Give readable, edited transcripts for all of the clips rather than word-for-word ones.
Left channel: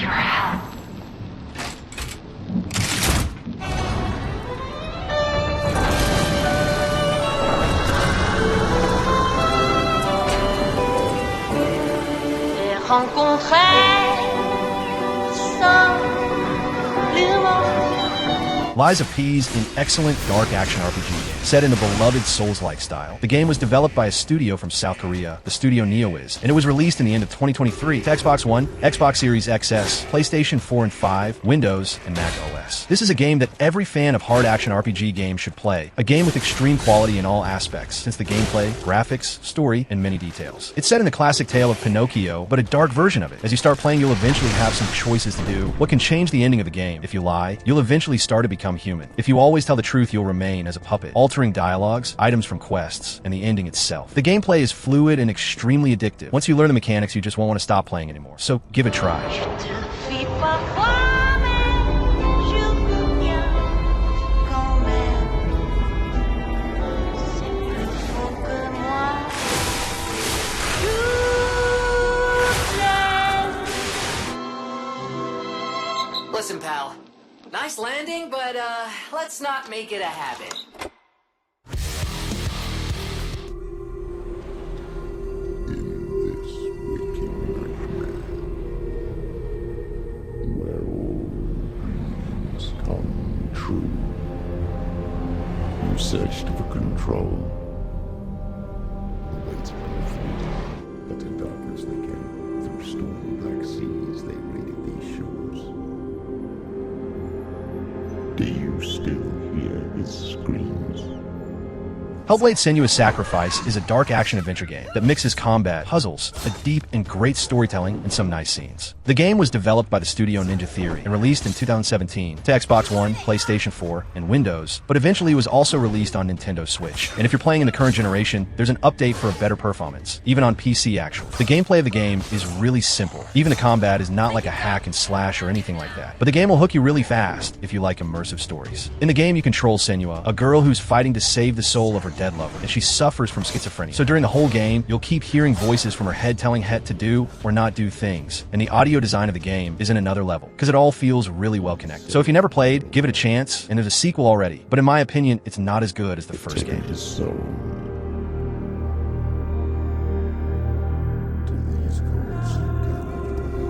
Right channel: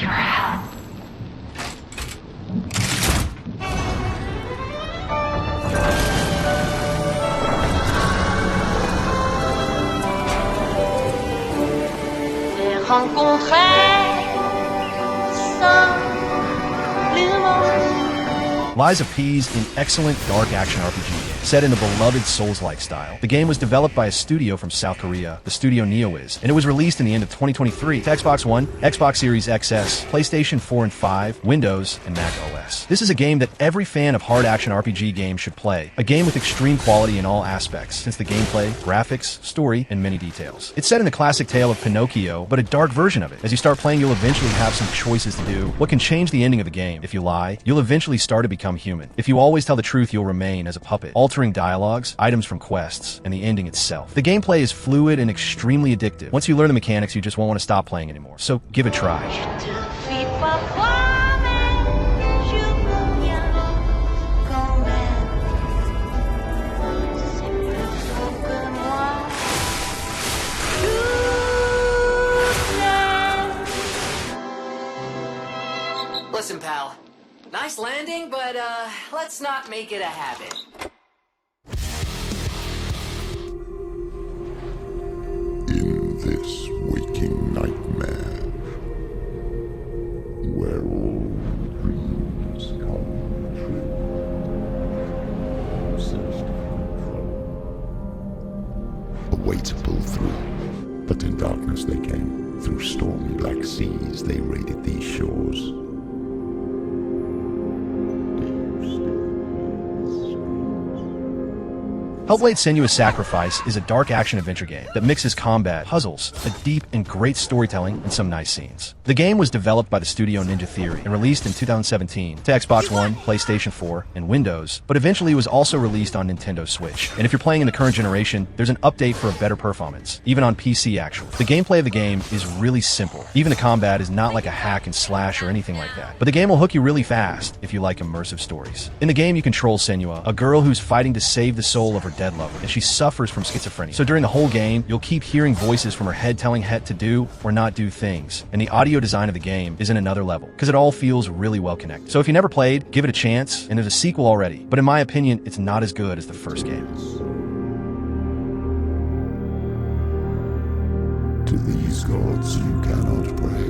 your help. J'ai rencontré simplement. Lies of P's, an excellent dark action RPG game set in the beloved Souls-like style. The game was developed by a studio from South Korea, the studio NeoWiz, and it was released in the end of 2023 to Xbox One, Xbox Series XS, PlayStation 4 and 5, Windows, and Mac OS. This is a game that every fan of hard action RPG games should play. A game with extreme quality in all aspects, since the gameplay, graphics, story, and many details. It's set in the classic tale of Pinocchio, but a dark version of it. As you start playing, you'll eventually have some choices to do. What can change the ending of the game? If you lie, you'll eventually start to become human. If you always tell the truth, you'll remain as a puppet, altering dialogues, items from quests, and the ending itself. The gameplay is fluid and extremely addictive. Once you learn the mechanics, you just won't want to stop playing anymore. So give it a try. Listen, pal. Nice landing, but, let's not make it a habit. In this waking nightmare, where all dreams come true, you searched for control, a way to pull through. But in darkness they came, through stormy black seas they raided these shores. Do you still hear his screams? Hellblade: Senua's Sacrifice is a dark action-adventure game that mixes combat, puzzles, a deep and great storytelling, and some nice scenes. The game was developed by the studio Ninja Theory and released in 2017 to Xbox One, PlayStation 4, and Windows, but eventually was also released on Nintendo Switch. And if you're playing in the current generation, there's an update for a better performance, even on PC actually. The gameplay of the game is really simple. Even the combat is not like a hack and slash or anything like that. But the game will hook you really fast if you like immersive stories. In the game, you control Senua, a girl who's fighting to save the soul of her dead lover, and she suffers from schizophrenia. So during the whole game, you'll keep hearing voices from her head telling Het to do or not do things. And the audio design of the game is in another level, because it all feels really well connected. So if you never played, give it a chance, and there's a sequel already. But in my opinion, it's not as good as the first game. To these gods you cannot pray.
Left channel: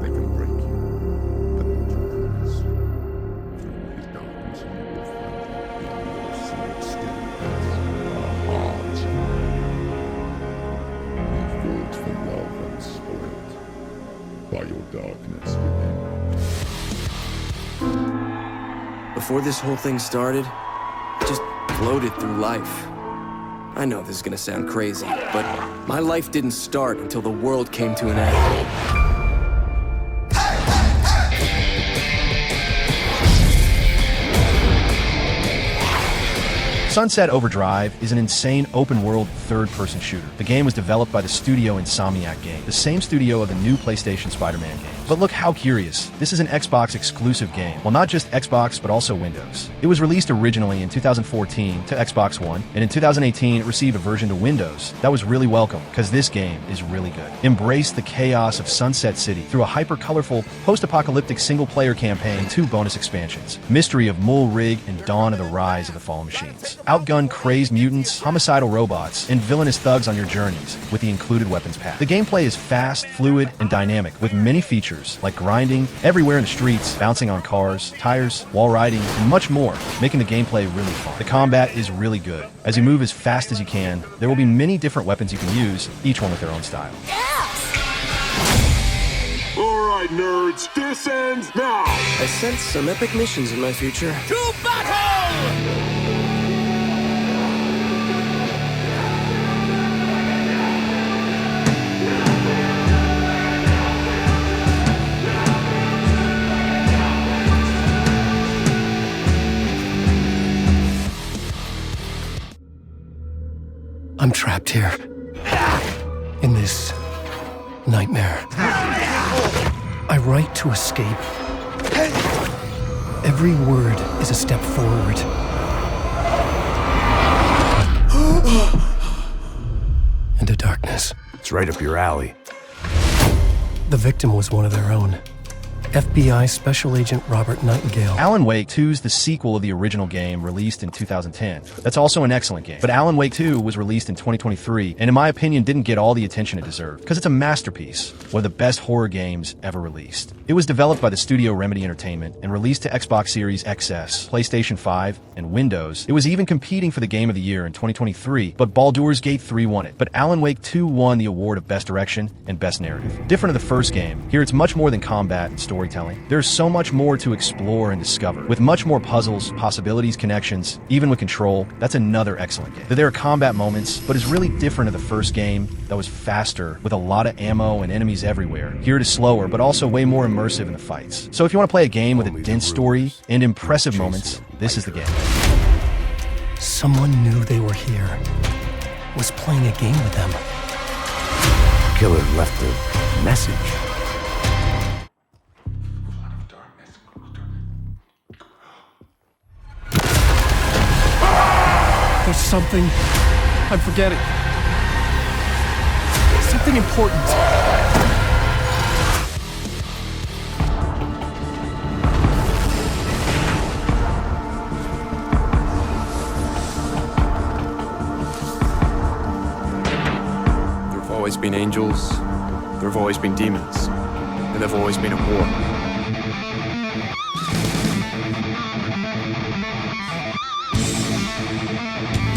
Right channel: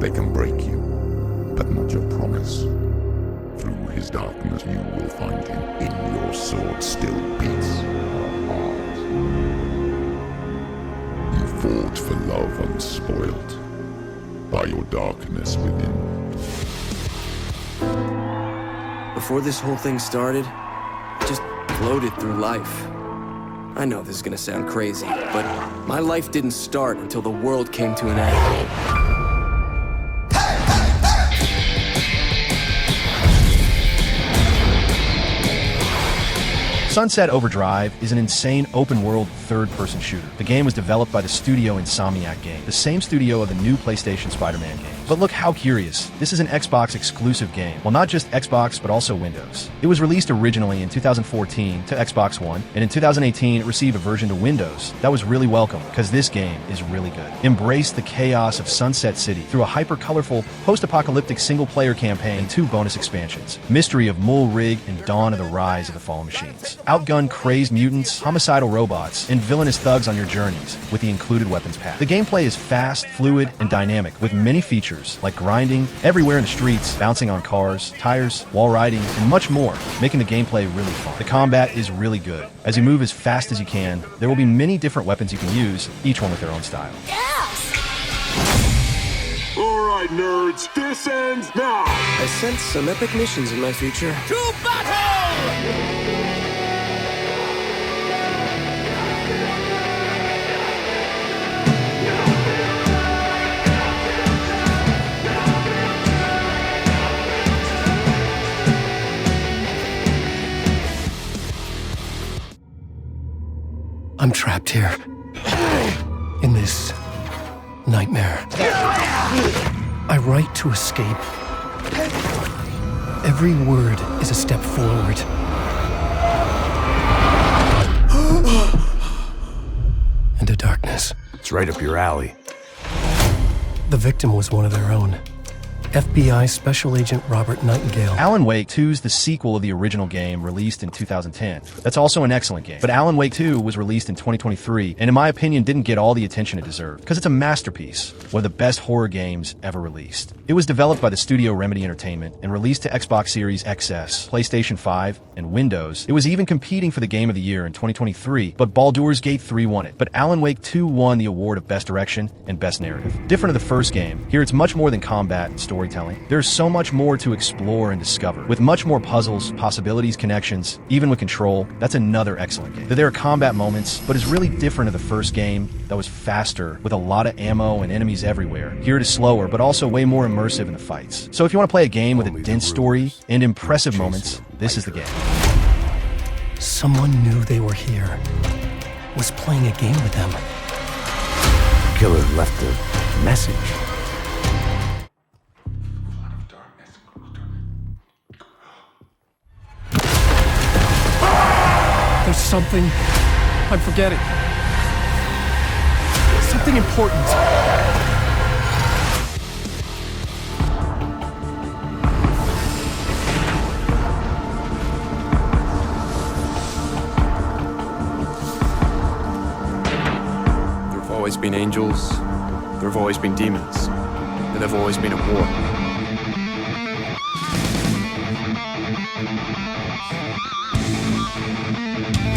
They can break you, but not your promise. Through his darkness you will find him. In your sword still beats a heart. You fought for love unspoiled by your darkness within. Before this whole thing started, I just floated through life. I know this is gonna sound crazy, but my life didn't start until the world came to an end. Sunset Overdrive is an insane open-world third-person shooter. The game was developed by the studio Insomniac Games, the same studio of the new PlayStation Spider-Man game. But look how curious. This is an Xbox-exclusive game. Well, not just Xbox, but also Windows. It was released originally in 2014 to Xbox One, and in 2018 it received a version to Windows. That was really welcome, because this game is really good. Embrace the chaos of Sunset City through a hyper-colorful, post-apocalyptic single-player campaign and 2 bonus expansions, Mystery of Mul Rig and Dawn of the Rise of the Fallen Machines. Outgun crazed mutants, homicidal robots, and villainous thugs on your journeys with the included weapons pack. The gameplay is fast, fluid, and dynamic, with many features like grinding, everywhere in the streets, bouncing on cars, tires, wall riding, and much more, making the gameplay really fun. The combat is really good. As you move as fast as you can, there will be many different weapons you can use, each one with their own style. Alright, nerds, this ends now! I sense some epic missions in my future. To battle! I'm trapped here. In this nightmare. I write to escape. Every word is a step forward. And a darkness. It's right up your alley. The victim was one of their own. FBI Special Agent Robert Nightingale. Alan Wake 2 is the sequel of the original game released in 2010. That's also an excellent game. But Alan Wake 2 was released in 2023, and in my opinion didn't get all the attention it deserved, because it's a masterpiece, one of the best horror games ever released. It was developed by the studio Remedy Entertainment and released to Xbox Series XS, PlayStation 5, and Windows. It was even competing for the Game of the Year in 2023, but Baldur's Gate 3 won it. But Alan Wake 2 won the award of Best Direction and Best Narrative. Different of the first game, here it's much more than combat and storytelling. There's so much more to explore and discover, with much more puzzles, possibilities, connections, even with control. That's another excellent game. There are combat moments, but it's really different of the first game that was faster, with a lot of ammo and enemies everywhere. Here it is slower, but also way more immersive in the fights. So if you want to play a game with a dense story and impressive moments, this is the game. Someone knew they were here. Was playing a game with them. Killer left a message. There's something I'm forgetting. Something important. There have always been angels, there have always been demons, and there have always been a war.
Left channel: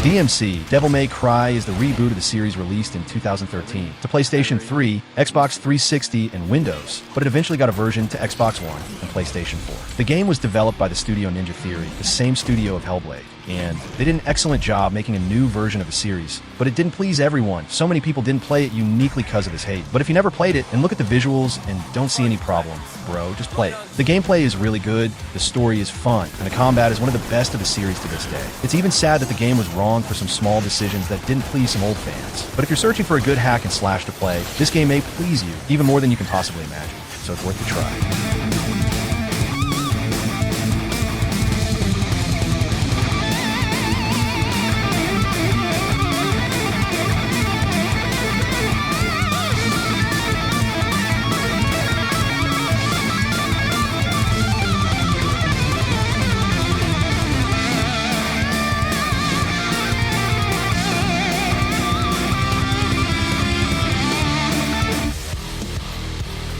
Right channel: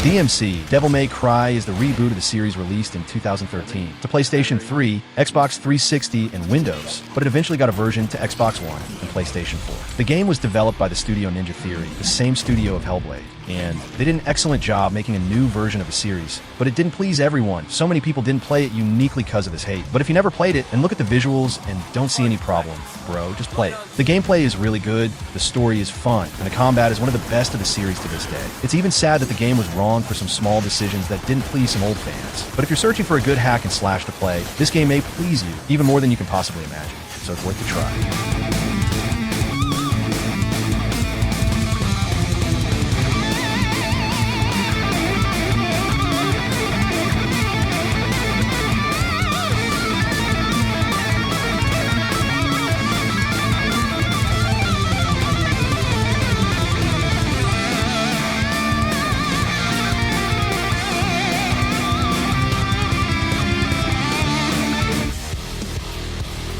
DMC, Devil May Cry, is the reboot of the series released in 2013 to PlayStation 3, Xbox 360, and Windows, but it eventually got a version to Xbox One and PlayStation 4. The game was developed by the studio Ninja Theory, the same studio of Hellblade, and they did an excellent job making a new version of the series, but it didn't please everyone. So many people didn't play it uniquely because of this hate. But if you never played it and look at the visuals and don't see any problem, bro, just play it. The gameplay is really good, the story is fun, and the combat is one of the best of the series to this day. It's even sad that the game was wrong for some small decisions that didn't please some old fans. But if you're searching for a good hack and slash to play, this game may please you, even more than you can possibly imagine. So it's worth the try.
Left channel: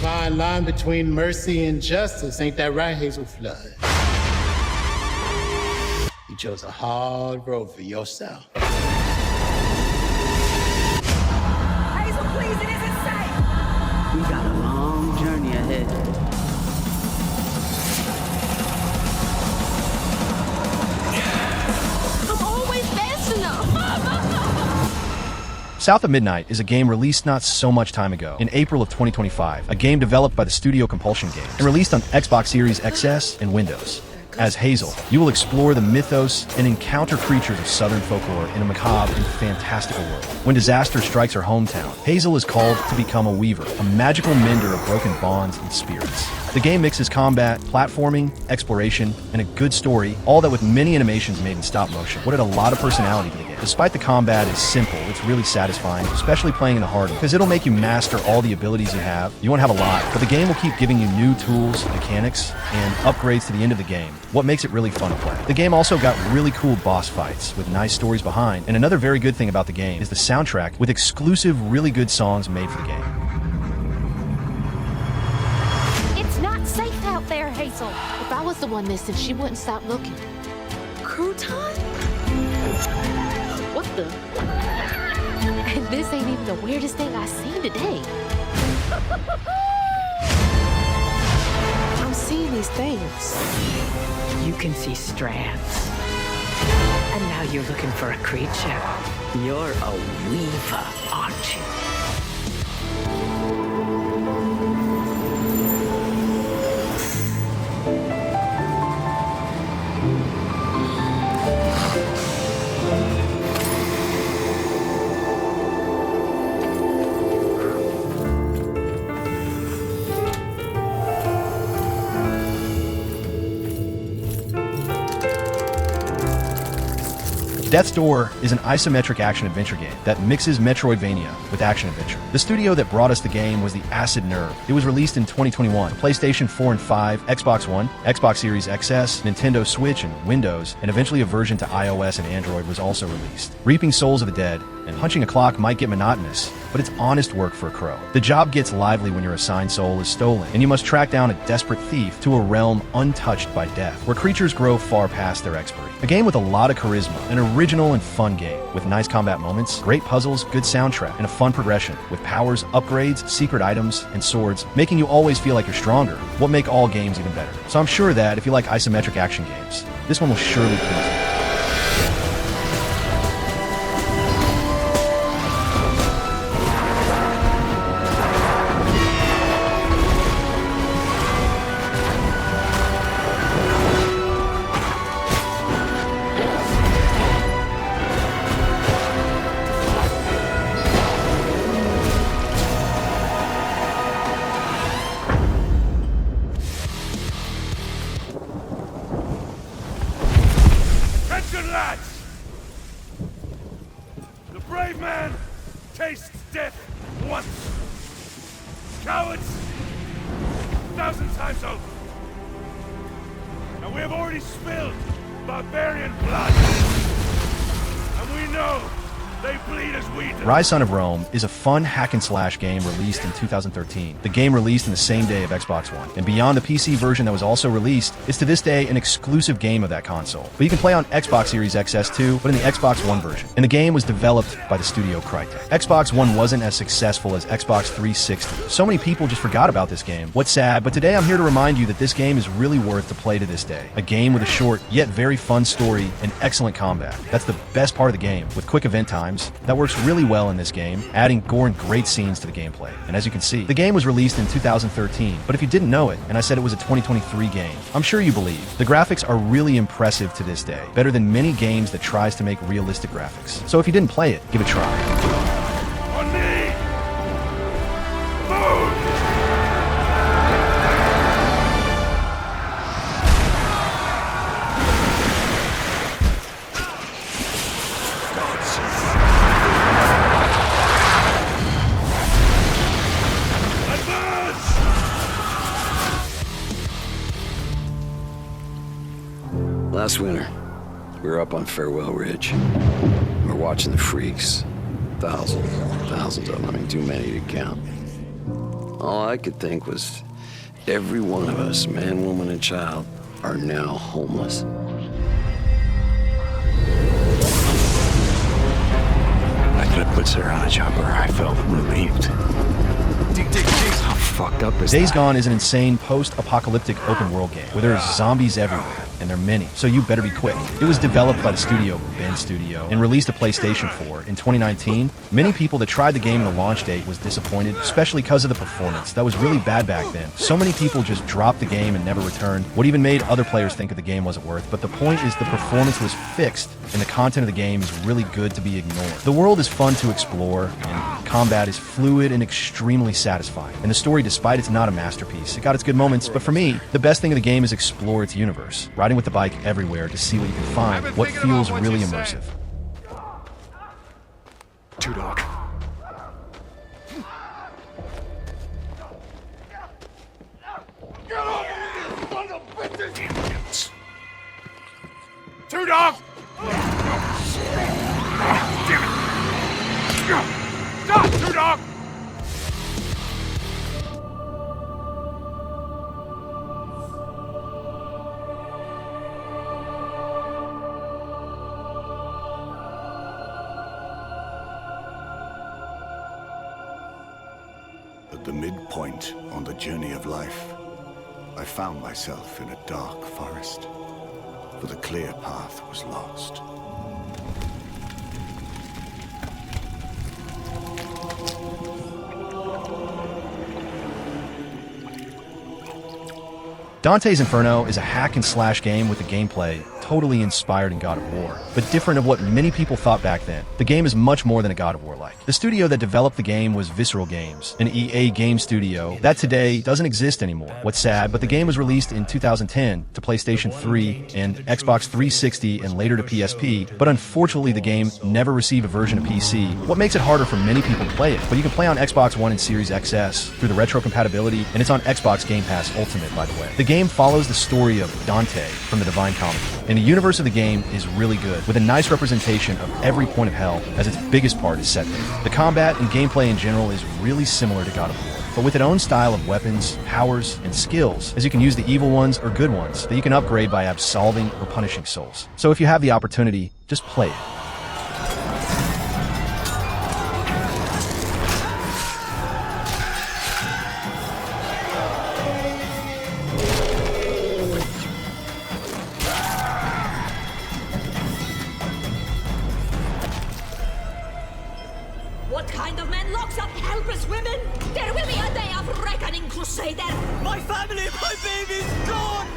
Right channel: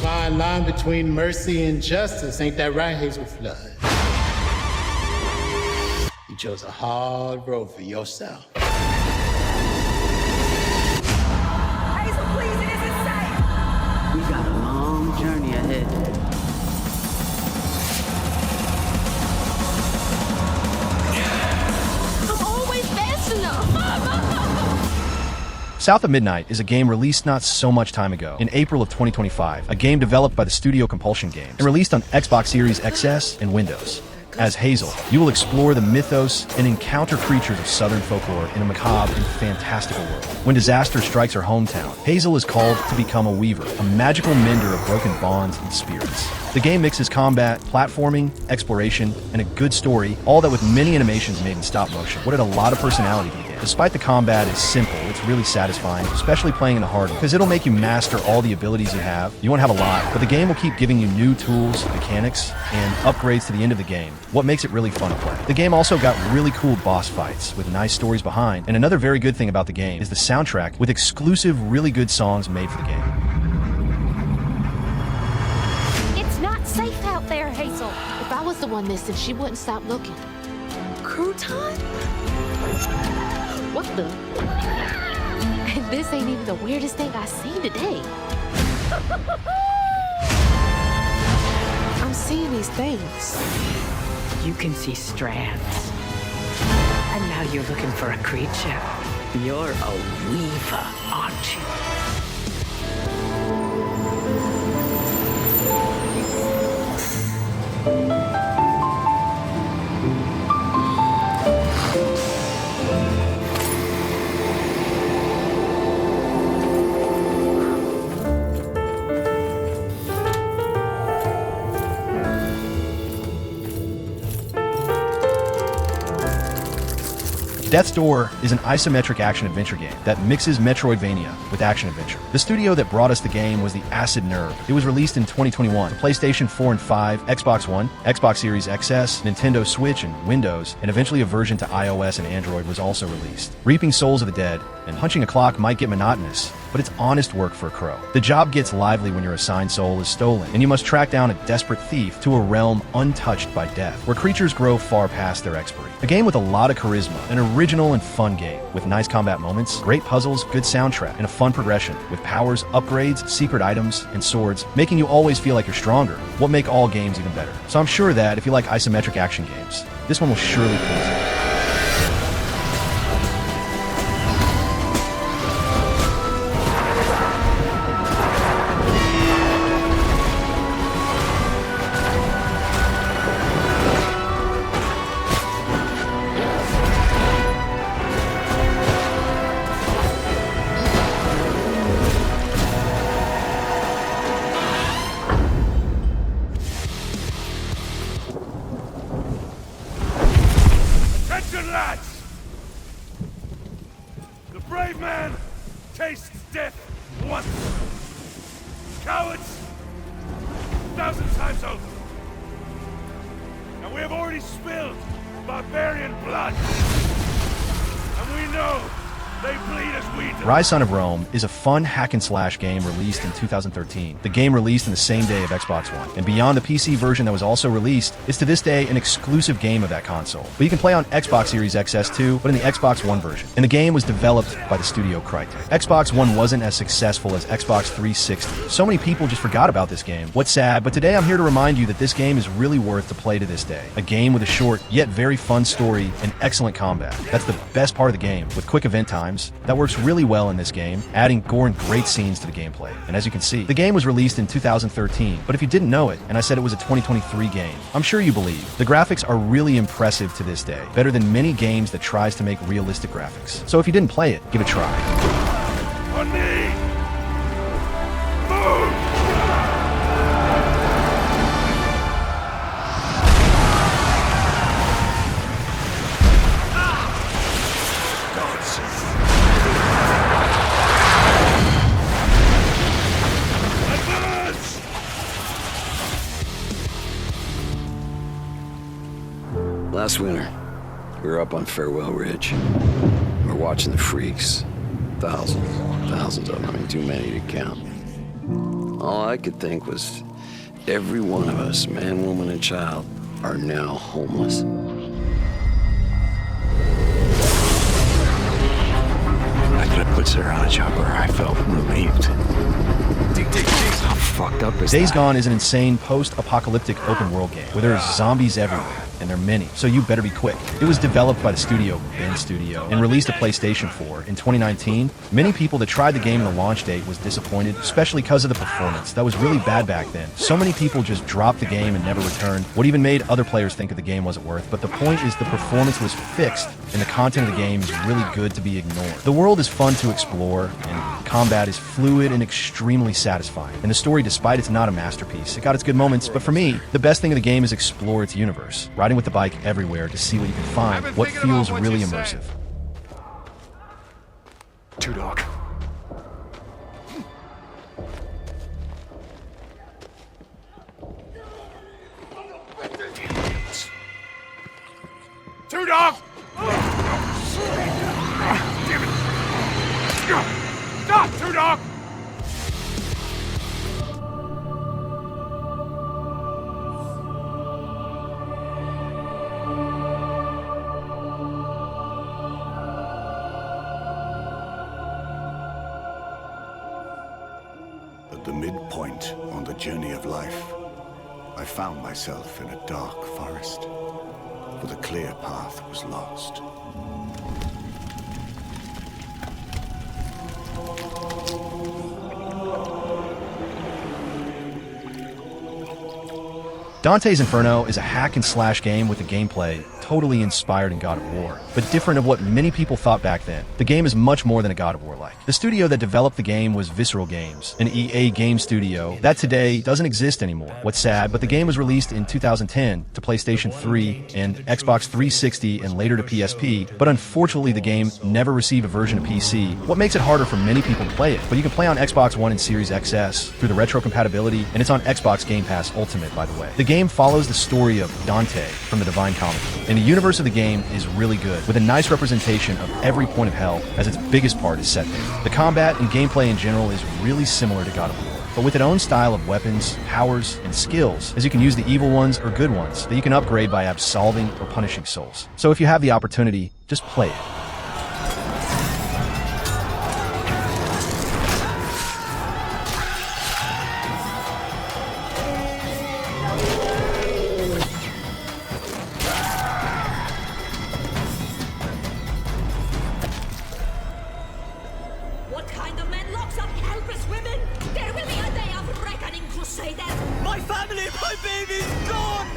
Fine line between mercy and justice, ain't that right, Hazel Flood? You chose a hard road for yourself. Hazel, please, it isn't safe! We got a long journey ahead. I'm always fast enough! South of Midnight is a game released not so much time ago, in April of 2025, a game developed by the studio Compulsion Games, and released on Xbox Series XS and Windows. As Hazel, you will explore the mythos and encounter creatures of Southern folklore in a macabre and fantastical world. When disaster strikes her hometown, Hazel is called to become a weaver, a magical mender of broken bonds and spirits. The game mixes combat, platforming, exploration, and a good story, all that with many animations made in stop motion. What added a lot of personality to the game. Despite the combat is simple, it's really satisfying, especially playing in the hard mode, because it'll make you master all the abilities you have. You won't have a lot, but the game will keep giving you new tools, mechanics, and upgrades to the end of the game, what makes it really fun to play. The game also got really cool boss fights with nice stories behind, and another very good thing about the game is the soundtrack with exclusive, really good songs made for the game. It's not safe out there, Hazel. If I was the one missing, she wouldn't stop looking. Crouton? What the? And this ain't even the weirdest thing I've seen today. I'm seeing these things. You can see strands. And now you're looking for a creature. You're a weaver, aren't you? Death's Door is an isometric action-adventure game that mixes Metroidvania with action-adventure. The studio that brought us the game was the Acid Nerve. It was released in 2021 for PlayStation 4 and 5, Xbox One, Xbox Series XS, Nintendo Switch, and Windows, and eventually a version to iOS and Android was also released. Reaping souls of the dead and punching a clock might get monotonous, but it's honest work for a crow. The job gets lively when your assigned soul is stolen, and you must track down a desperate thief to a realm untouched by death, where creatures grow far past their expiry. A game with a lot of charisma, an original and fun game, with nice combat moments, great puzzles, good soundtrack, and a fun progression, with powers, upgrades, secret items, and swords, making you always feel like you're stronger, what make all games even better. So I'm sure that if you like isometric action games, this one will surely please you. Attention, lads! The brave man tastes death once. Cowards, 1,000 times over. And we have already spilled barbarian blood. And we know they bleed as we do. Rise Son of Rome is a fun hack-and-slash game released in 2013. The game released in the same day of Xbox One. And beyond the PC version that was also released, it's to this day an exclusive game of that console. But you can play on Xbox Series XS too, but in the Xbox One version. And the game was developed by the studio Crytek. Xbox One wasn't as successful as Xbox 360. So many people just forgot about this game. What's sad, but today I'm here to remind you that this game is really worth to play to this day. A game with a short, yet very fun story and excellent combat. That's the best part of the game, with quick event times. That works really well in this game, adding gore and great scenes to the gameplay. And as you can see, the game was released in 2013, but if you didn't know it, and I said it was a 2023 game, I'm sure you believe. The graphics are really impressive to this day, better than many games that tries to make realistic graphics. So if you didn't play it, give it a try. On me! Move! Last winter, we were up on Farewell Ridge. We're watching the freaks. Thousands of them. I mean, too many to count. All I could think was every one of us, man, woman, and child, are now homeless. After I put Sarah on a chopper, I felt relieved. How fucked up is Days that? Gone is an insane post-apocalyptic open-world game where there's zombies everywhere, and they're many, so you better be quick. It was developed by the studio Ben Studio and released to PlayStation 4 in 2019. Many people that tried the game in the launch date was disappointed, especially because of the performance. That was really bad back then. So many people just dropped the game and never returned, what even made other players think that the game wasn't worth. But the point is the performance was fixed, and the content of the game is really good to be ignored. The world is fun to explore, and combat is fluid and extremely satisfying. And the story, despite it's not a masterpiece, it got its good moments, but for me, the best thing of the game is explore its universe. Riding with the bike everywhere to see what you can find, what feels really immersive. Two Dog. Two Dog! Damn it! Stop, Two Dog! At the midpoint on the journey of life, I found myself in a dark forest, for the clear path was lost. Dante's Inferno is a hack-and-slash game with a gameplay totally inspired in God of War, but different of what many people thought back then. The game is much more than a God of War-like. The studio that developed the game was Visceral Games, an EA game studio that today doesn't exist anymore. What's sad, but the game was released in 2010 to PlayStation 3 and Xbox 360 and later to PSP, but unfortunately the game never received a version of PC, what makes it harder for many people to play it. But you can play on Xbox One and Series XS through the retro compatibility, and it's on Xbox Game Pass Ultimate, by the way. The game follows the story of Dante from the Divine Comedy, and the universe of the game is really good, with a nice representation of every point of hell, as its biggest part is set there. The combat and gameplay in general is really similar to God of War, but with its own style of weapons, powers, and skills, as you can use the evil ones or good ones that you can upgrade by absolving or punishing souls. So if you have the opportunity, just play it. What kind of man locks up helpless women? There will be a day of reckoning, Crusader! My family, my baby's gone!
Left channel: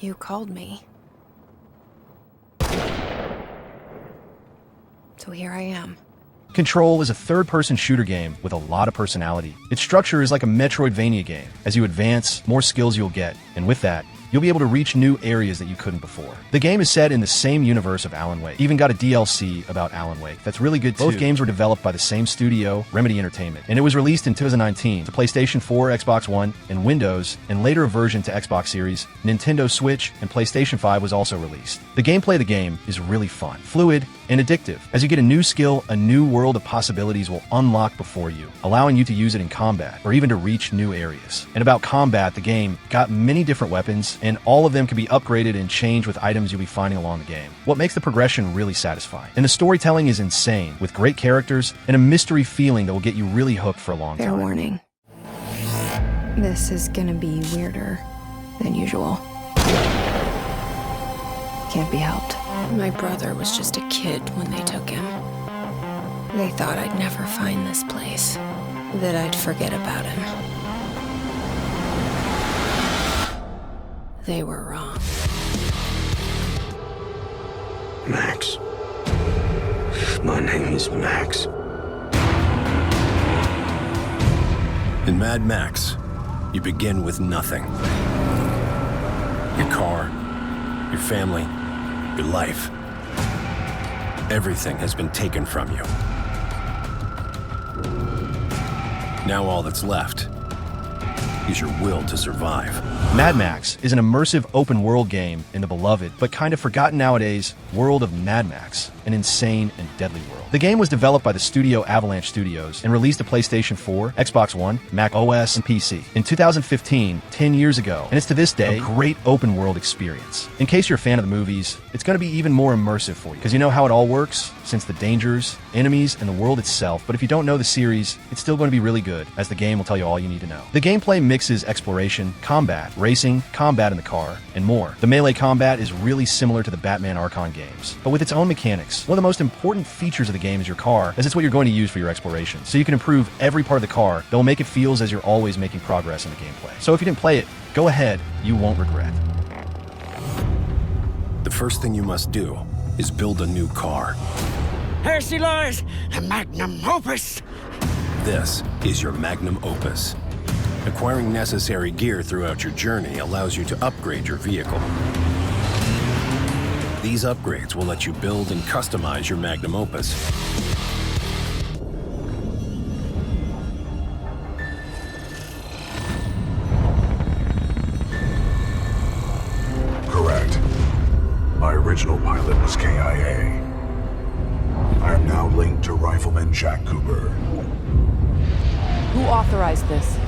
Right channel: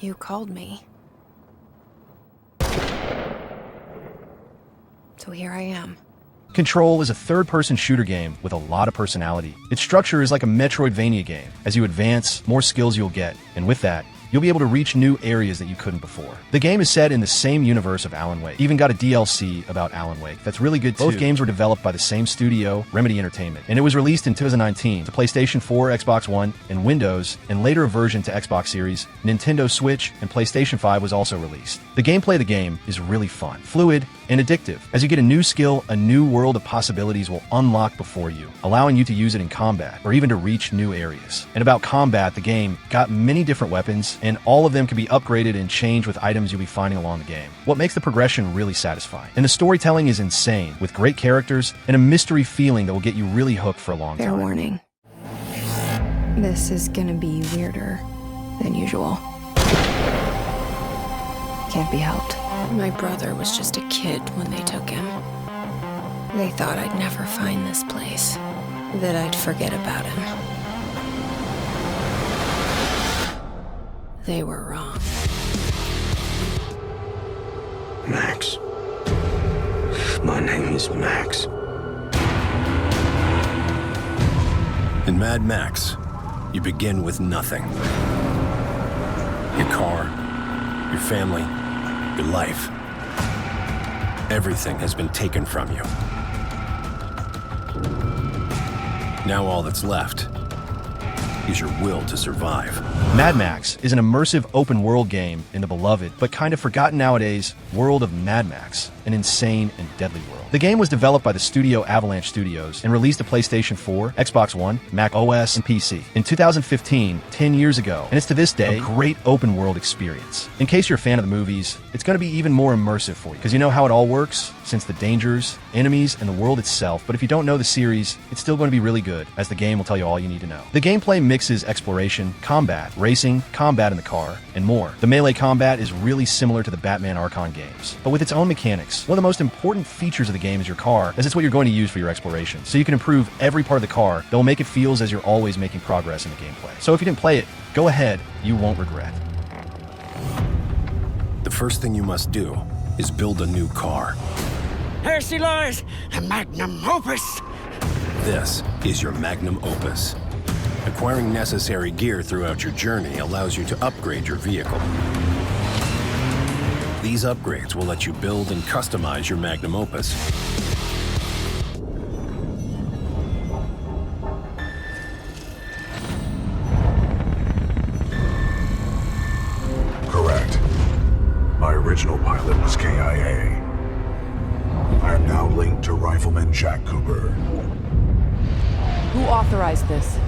You called me. So here I am. Control is a third-person shooter game with a lot of personality. Its structure is like a Metroidvania game. As you advance, more skills you'll get, and with that, you'll be able to reach new areas that you couldn't before. The game is set in the same universe of Alan Wake. Even got a DLC about Alan Wake that's really good too. Both games were developed by the same studio, Remedy Entertainment, and it was released in 2019 to PlayStation 4, Xbox One, and Windows, and later a version to Xbox Series, Nintendo Switch, and PlayStation 5 was also released. The gameplay of the game is really fun, fluid, and addictive. As you get a new skill, a new world of possibilities will unlock before you, allowing you to use it in combat, or even to reach new areas. And about combat, the game got many different weapons, and all of them can be upgraded and changed with items you'll be finding along the game, what makes the progression really satisfying. And the storytelling is insane, with great characters and a mystery feeling that will get you really hooked for a long time. Fair warning. This is gonna be weirder than usual. Can't be helped. My brother was just a kid when they took him. They thought I'd never find this place, that I'd forget about him. They were wrong. Max. My name is Max. In Mad Max, you begin with nothing. Your car, your family, your life. Everything has been taken from you. Now all that's left is your will to survive. Mad Max is an immersive open-world game in the beloved, but kind of forgotten nowadays, world of Mad Max, an insane and deadly world. The game was developed by the studio Avalanche Studios and released to PlayStation 4, Xbox One, Mac OS, and PC in 2015, 10 years ago, and it's to this day a great open-world experience. In case you're a fan of the movies, it's going to be even more immersive for you, because you know how it all works, since the dangers, enemies, and the world itself, but if you don't know the series, it's still going to be really good, as the game will tell you all you need to know. The gameplay mixes exploration, combat, racing, combat in the car, and more. The melee combat is really similar to the Batman Arkham games, but with its own mechanics. One of the most important features of the game is your car, as it's what you're going to use for your exploration. So you can improve every part of the car that will make it feel as you're always making progress in the gameplay. So if you didn't play it, go ahead, you won't regret. The first thing you must do is build a new car. Here she lies, the magnum opus! This is your magnum opus. Acquiring necessary gear throughout your journey allows you to upgrade your vehicle. These upgrades will let you build and customize your magnum opus. Correct. My original pilot was KIA. I am now linked to Rifleman Jack Cooper. Who authorized this?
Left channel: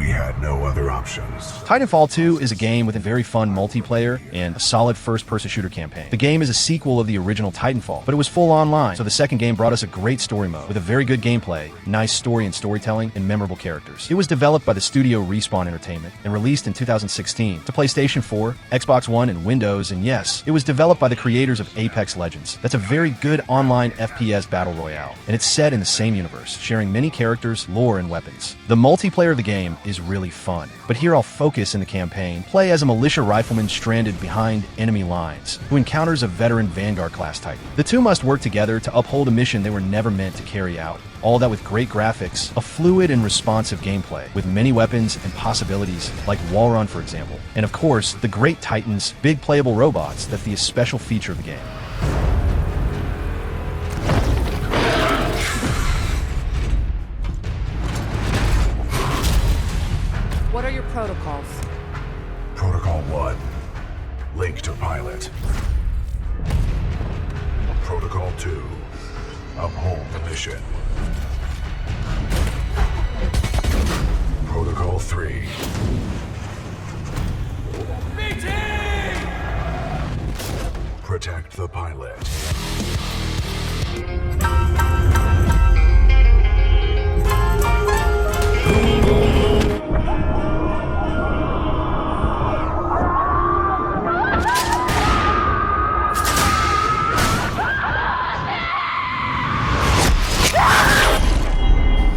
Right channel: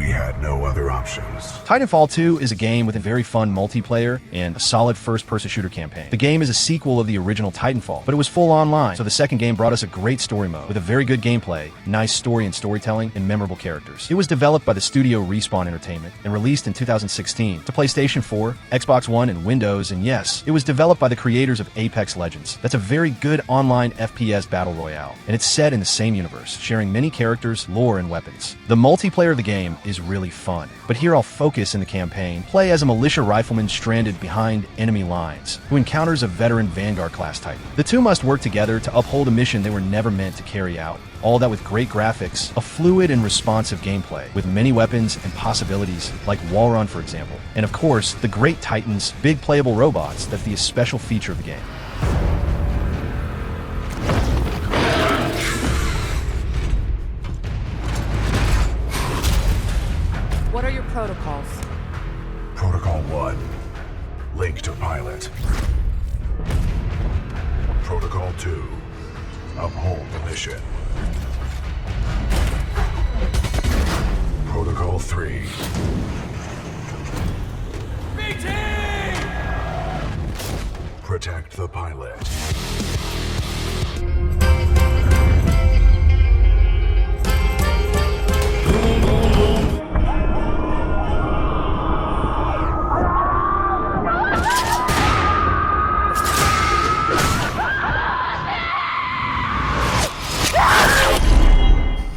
We had no other options. Titanfall 2 is a game with a very fun multiplayer and a solid first-person shooter campaign. The game is a sequel of the original Titanfall, but it was full online, so the second game brought us a great story mode with a very good gameplay, nice story and storytelling, and memorable characters. It was developed by the studio Respawn Entertainment and released in 2016 to PlayStation 4, Xbox One, and Windows, and yes, it was developed by the creators of Apex Legends. That's a very good online FPS battle royale, and it's set in the same universe, sharing many characters, lore, and weapons. The multiplayer of the game is really fun, but here I'll focus in the campaign. Play as a militia rifleman stranded behind enemy lines, who encounters a veteran Vanguard class Titan. The two must work together to uphold a mission they were never meant to carry out. All that with great graphics, a fluid and responsive gameplay, with many weapons and possibilities, like wall run for example, and of course, the great Titans, big playable robots that's the special feature of the game. What are your protocols? Protocol 1. Link to pilot. Protocol 2. Uphold the mission. Protocol 3. BT! Protect the pilot.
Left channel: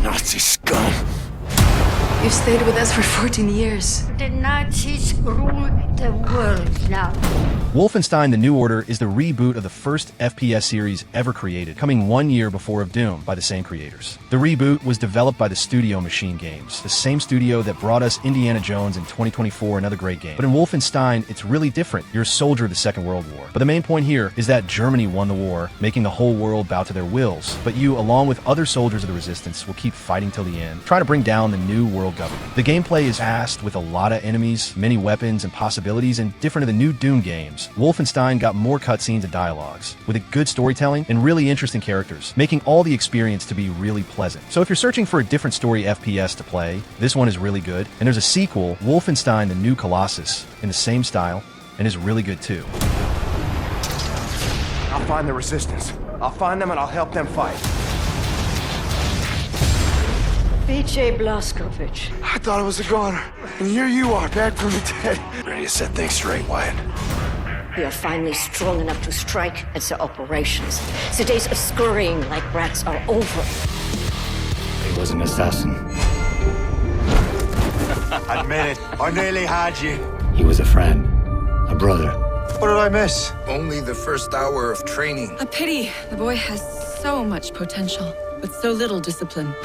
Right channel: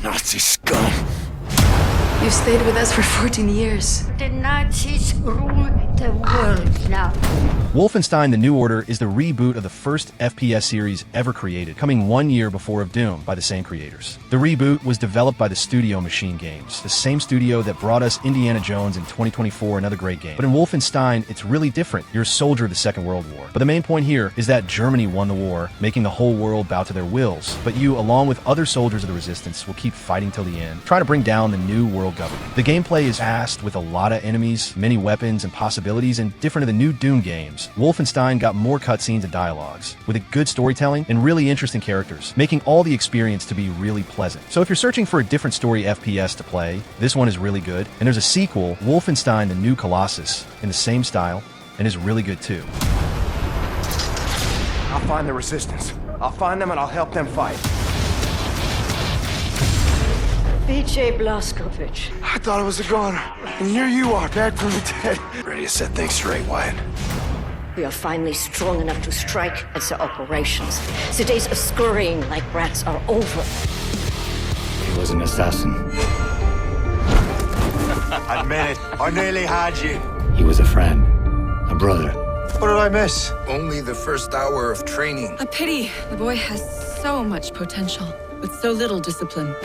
Nazi scum. You've stayed with us for 14 years. The Nazis rule the world now. Wolfenstein: The New Order is the reboot of the first FPS series ever created, coming 1 year before of Doom by the same creators. The reboot was developed by the studio Machine Games, the same studio that brought us Indiana Jones in 2024, another great game. But in Wolfenstein, it's really different. You're a soldier of the Second World War. But the main point here is that Germany won the war, making the whole world bow to their wills. But you, along with other soldiers of the resistance, will keep fighting till the end, trying to bring down the new world government. The gameplay is fast, with a lot of enemies, many weapons and possibilities, and different of the new Doom games. Wolfenstein got more cutscenes and dialogues, with a good storytelling and really interesting characters, making all the experience to be really pleasant. So if you're searching for a different story FPS to play, this one is really good. And there's a sequel, Wolfenstein: The New Colossus, in the same style, and is really good too. I'll find the resistance. I'll find them and I'll help them fight. BJ Blazkowicz. I thought I was a goner, and here you are, back from the dead. Ready to set things straight, Wyatt. We are finally strong enough to strike and set operations. The days of scurrying like rats are over. He was an assassin. Admit it, I nearly had you. He was a friend, a brother. What did I miss? Only the first hour of training. A pity. The boy has so much potential, but so little discipline.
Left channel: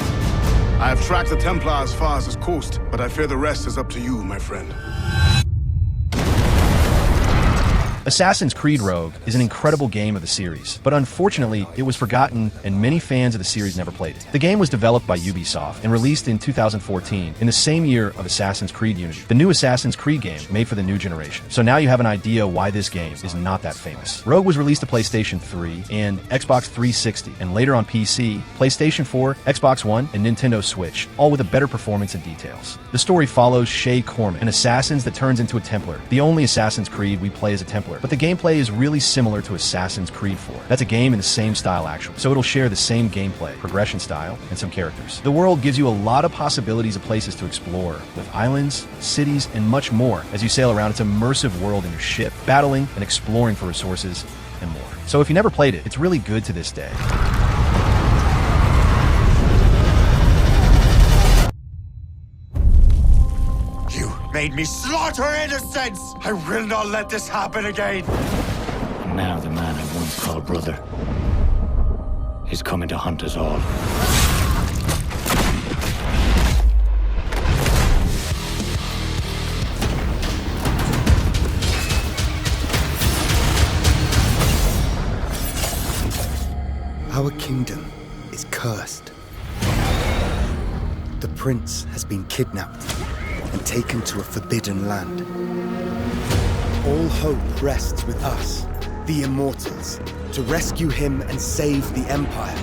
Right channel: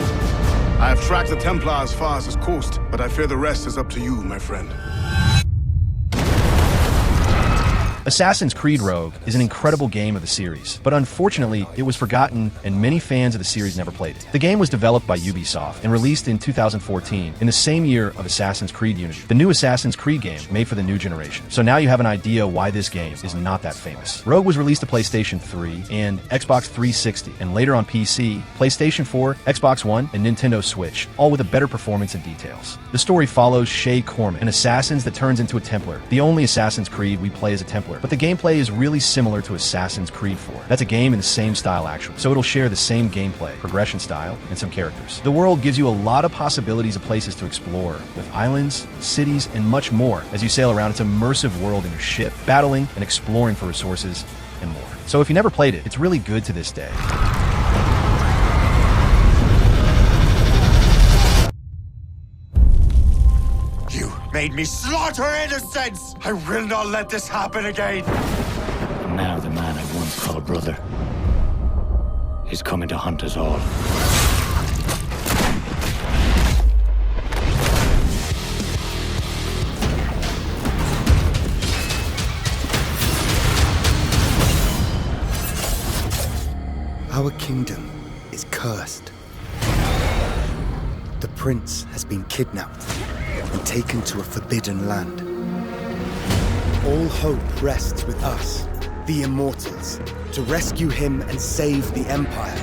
I have tracked the Templar as far as this coast, but I fear the rest is up to you, my friend. Assassin's Creed Rogue is an incredible game of the series, but unfortunately, it was forgotten and many fans of the series never played it. The game was developed by Ubisoft and released in 2014, in the same year of Assassin's Creed Unity, the new Assassin's Creed game made for the new generation. So now you have an idea why this game is not that famous. Rogue was released to PlayStation 3 and Xbox 360, and later on PC, PlayStation 4, Xbox One, and Nintendo Switch, all with a better performance and details. The story follows Shay Corman, an assassin that turns into a Templar, the only Assassin's Creed we play as a Templar. But the gameplay is really similar to Assassin's Creed 4. That's a game in the same style actually, so it'll share the same gameplay, progression style, and some characters. The world gives you a lot of possibilities of places to explore, with islands, cities, and much more. As you sail around, it's an immersive world in your ship, battling and exploring for resources and more. So if you never played it, it's really good to this day. You made me slaughter innocents! I will not let this happen again! And now the man I once called brother is coming to hunt us all. Our kingdom is cursed. The prince has been kidnapped and taken to a forbidden land. All hope rests with us, the Immortals, to rescue him and save the Empire.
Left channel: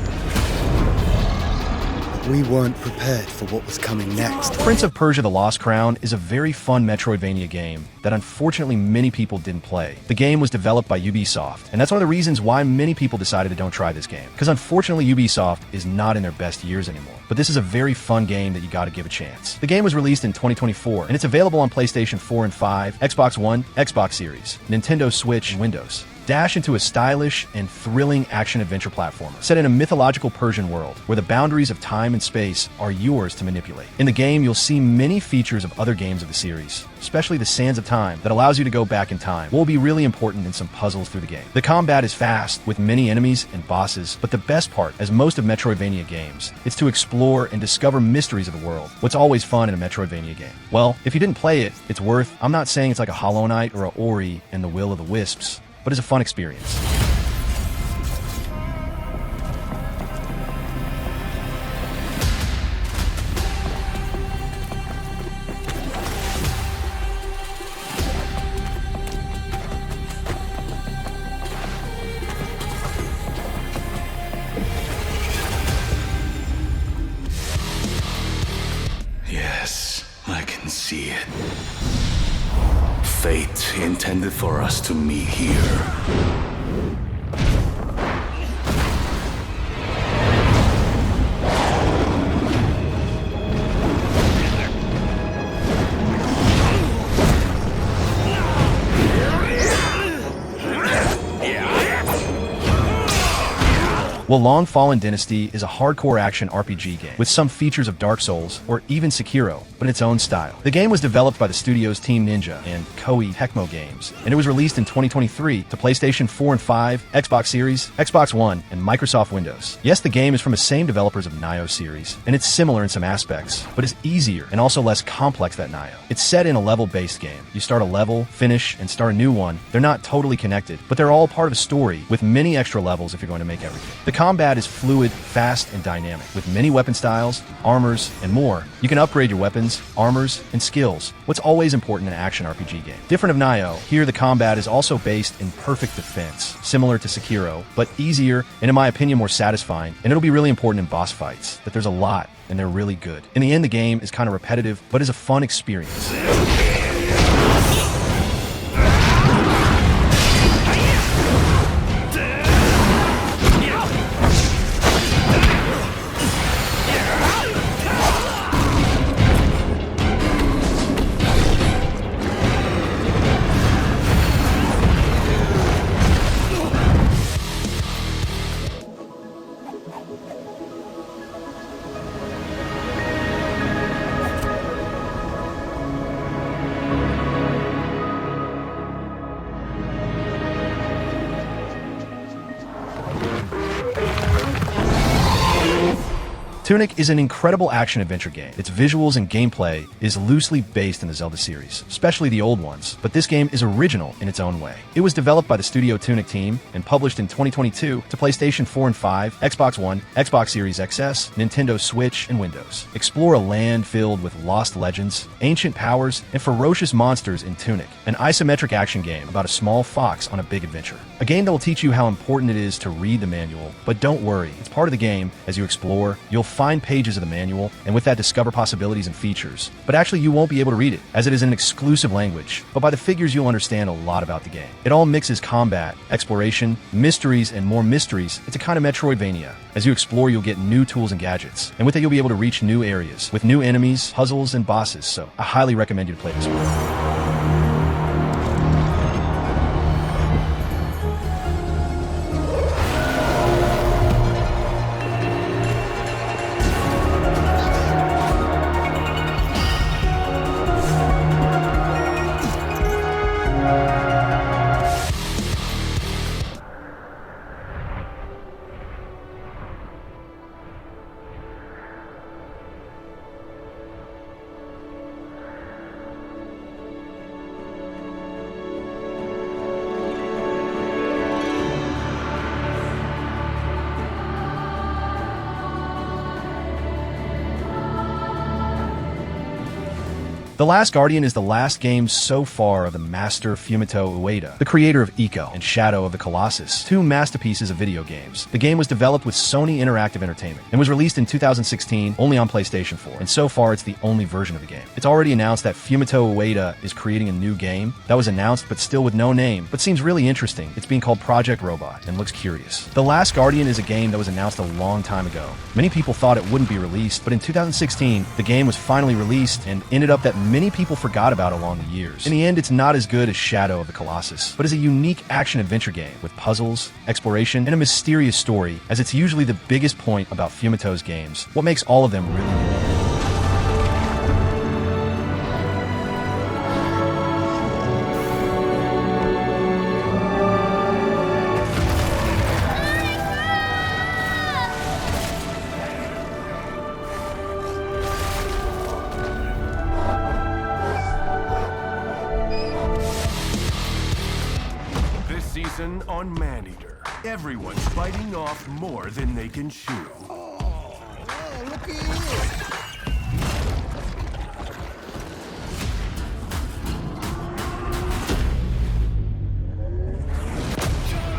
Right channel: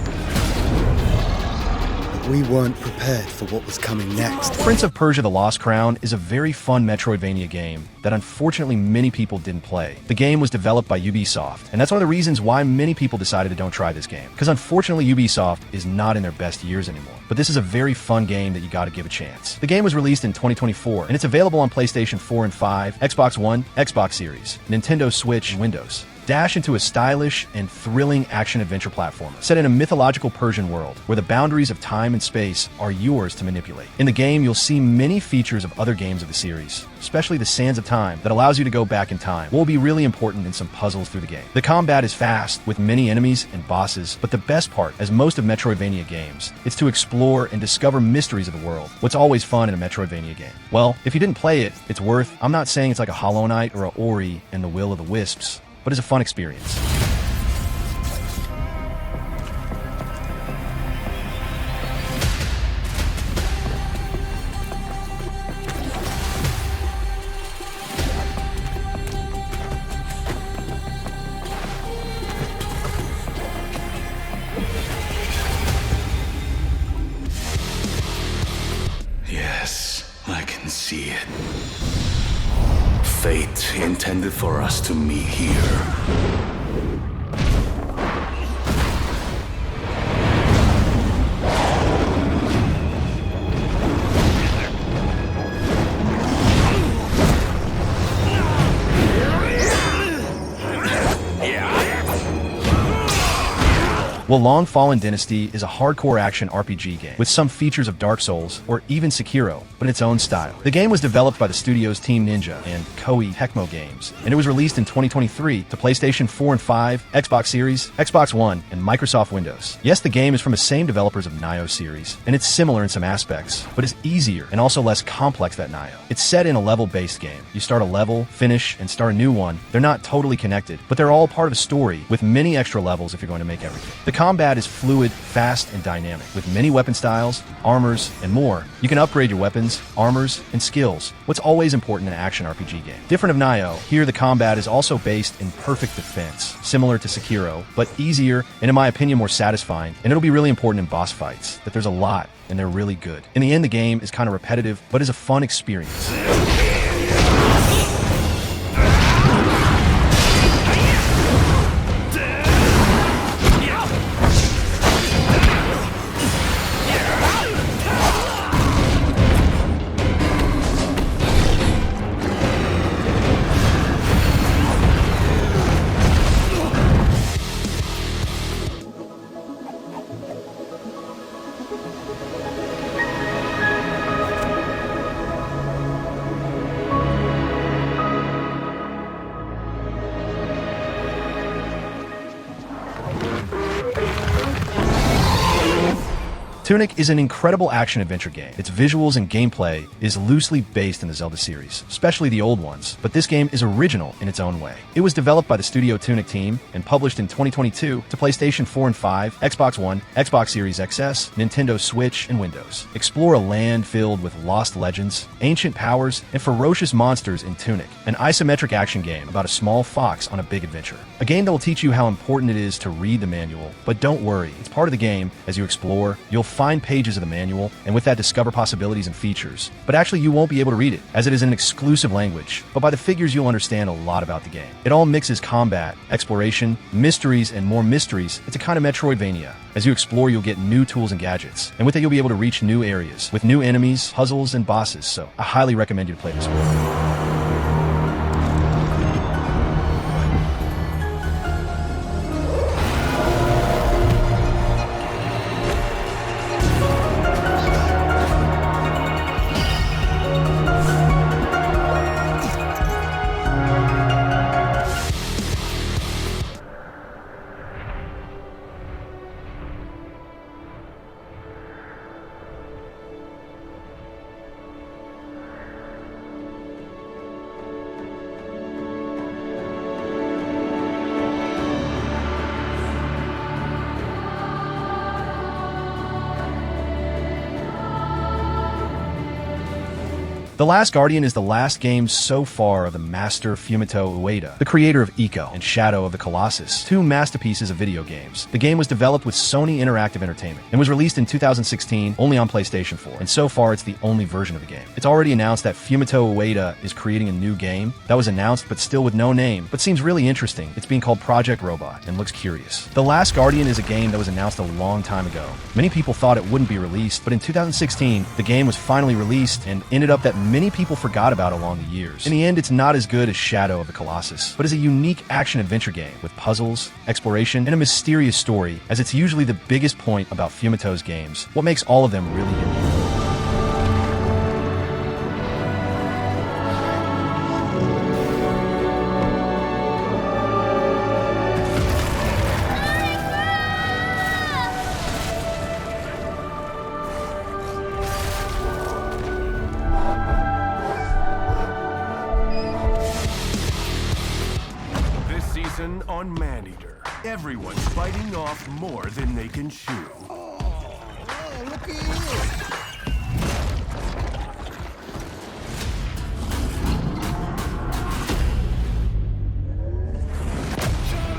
But We weren't prepared for what was coming next. Prince of Persia: The Lost Crown is a very fun Metroidvania game that unfortunately many people didn't play. The game was developed by Ubisoft, and that's one of the reasons why many people decided to don't try this game, because unfortunately Ubisoft is not in their best years anymore. But this is a very fun game that you gotta give a chance. The game was released in 2024, and it's available on PlayStation 4 and 5, Xbox One, Xbox Series, Nintendo Switch, and Windows. Dash into a stylish and thrilling action-adventure platformer set in a mythological Persian world where the boundaries of time and space are yours to manipulate. In the game, you'll see many features of other games of the series, especially the Sands of Time that allows you to go back in time, what will be really important in some puzzles through the game. The combat is fast, with many enemies and bosses, but the best part, as most of Metroidvania games, is to explore and discover mysteries of the world, what's always fun in a Metroidvania game. Well, if you didn't play it, it's worth. I'm not saying it's like a Hollow Knight or a Ori and the Will of the Wisps, but it's a fun experience. Yes, I can see it. Fate intended for us to meet here. Well, Long Fallen Dynasty is a hardcore action RPG game with some features of Dark Souls or even Sekiro, but in its own style. The game was developed by the studios Team Ninja and Koei Tecmo Games, and it was released in 2023 to PlayStation 4 and 5, Xbox Series, Xbox One, and Microsoft Windows. Yes, the game is from the same developers of Nioh series, and it's similar in some aspects, but it's easier and also less complex than Nioh. It's set in a level-based game. You start a level, finish, and start a new one. They're not totally connected, but they're all part of a story with many extra levels if you're going to make everything. The combat is fluid, fast, and dynamic, with many weapon styles, armors, and more. You can upgrade your weapons, armors, and skills, what's always important in an action RPG game. Different of Nioh, here the combat is also based in perfect defense, similar to Sekiro, but easier and in my opinion more satisfying, and it'll be really important in boss fights, that there's a lot, and they're really good. In the end, the game is kind of repetitive, but is a fun experience. Tunic is an incredible action-adventure game. Its visuals and gameplay is loosely based in the Zelda series, especially the old ones, but this game is original in its own way. It was developed by the Studio Tunic team and published in 2022 to PlayStation 4 and 5, Xbox One, Xbox Series XS, Nintendo Switch, and Windows. Explore a land filled with lost legends, ancient powers, and ferocious monsters in Tunic, an isometric action game about a small fox on a big adventure. A game that will teach you how important it is to read the manual, but don't worry, it's part of the game. As you explore, you'll find pages of the manual, and with that discover possibilities and features. But actually you won't be able to read it, as it is an exclusive language, but by the figures you'll understand a lot about the game. It all mixes combat, exploration, mysteries, and more mysteries. It's a kind of Metroidvania. As you explore, you'll get new tools and gadgets, and with it you'll be able to reach new areas, with new enemies, puzzles, and bosses, so I highly recommend you to play this one. The Last Guardian is the last game so far of the master Fumito Ueda, the creator of Ico and Shadow of the Colossus, two masterpieces of video games. The game was developed with Sony Interactive Entertainment and was released in 2016 only on PlayStation 4, and so far it's the only version of the game. It's already announced that Fumito Ueda is creating a new game. That was announced but still with no name, but seems really interesting. It's being called Project Robot and looks curious. The Last Guardian is a game that was announced a long time ago. Many people thought it wouldn't be released, but in 2016, the game was finally released and ended up that many people forgot about along the years. In the end, it's not as good as Shadow of the Colossus, but is a unique action-adventure game with puzzles, exploration, and a mysterious story, as it's usually the biggest point about Fumito's games, what makes all of them really unique. Season on Maneater. Everyone's biting off more than they can chew. Look at you!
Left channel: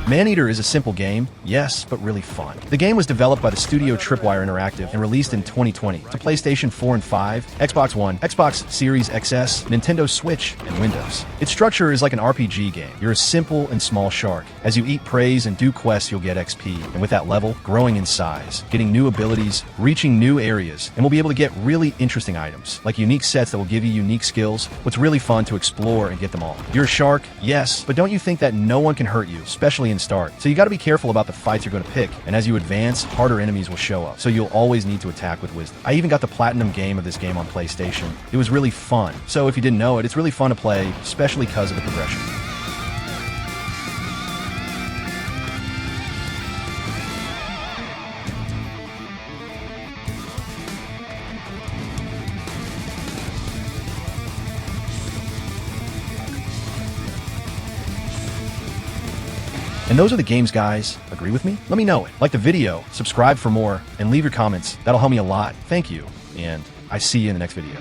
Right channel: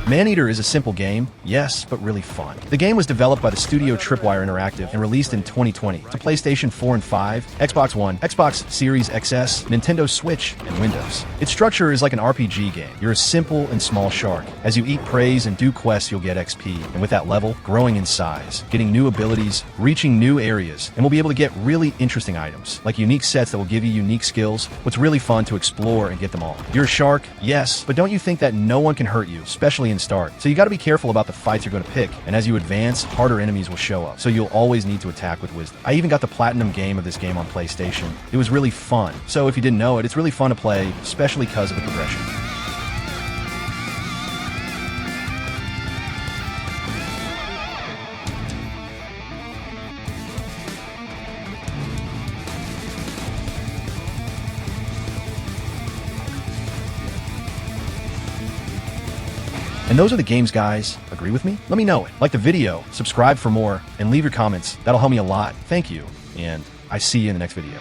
Maneater is a simple game, yes, but really fun. The game was developed by the studio Tripwire Interactive and released in 2020 to PlayStation 4 and 5, Xbox One, Xbox Series XS, Nintendo Switch, and Windows. Its structure is like an RPG game. You're a simple and small shark. As you eat praise and do quests, you'll get XP, and with that level, growing in size, getting new abilities, reaching new areas, and we'll be able to get really interesting items, like unique sets that will give you unique skills. What's really fun to explore and get them all. You're a shark, yes, but don't you think that no one can hurt you, especially in start. So you got to be careful about the fights you're going to pick, and as you advance, harder enemies will show up, so you'll always need to attack with wisdom. I even got the platinum game of this game on PlayStation. It was really fun. So if you didn't know it, it's really fun to play, especially because of the progression. And those are the games, guys. Agree with me? Let me know it. Like the video, subscribe for more, and leave your comments. That'll help me a lot. Thank you, and I see you in the next video.